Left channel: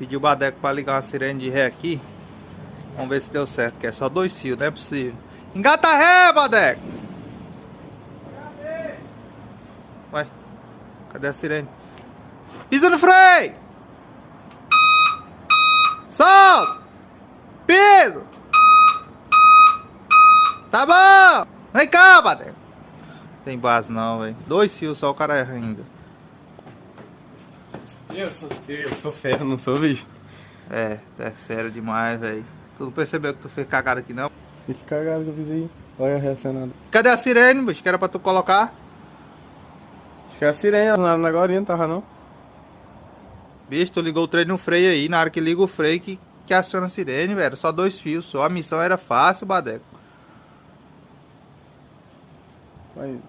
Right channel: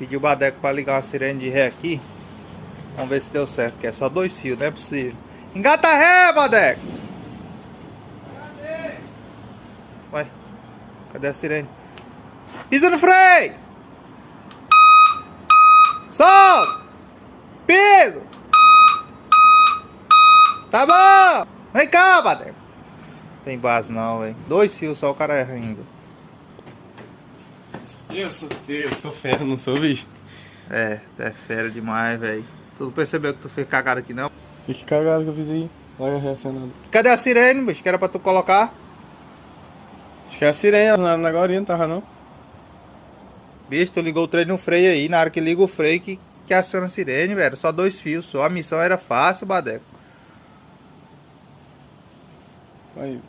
Pedi o Badeco pra ligar uma sirene de ré aqui. Vamos ver se deu certo, que é só 2 fios, não é possível. Engata a ré, Badeco! Ué, cadê a sirene? Pisa no freio! Solta! Pisa! Tá bom! Vem cá, Badeco! Tem base não, velho. 2 fios só, o cara erra ainda. Eu sou fera, não sou, bicho? É fera demais, velho. Tu não percebeu que tu fez cagada aqui, não? Que cagada que eu fiz aí. Olha reacionando. Cadê a sirene, bicho? Que era pra tu colocar? Acho que é a sirene, na agora não tava não. Bicho, tu ligou o trem no freio aí. Na hora que liga o freio que aciona a sirene, velho. Só 2 fios, só. A missão era fácil, Badeco. Aí.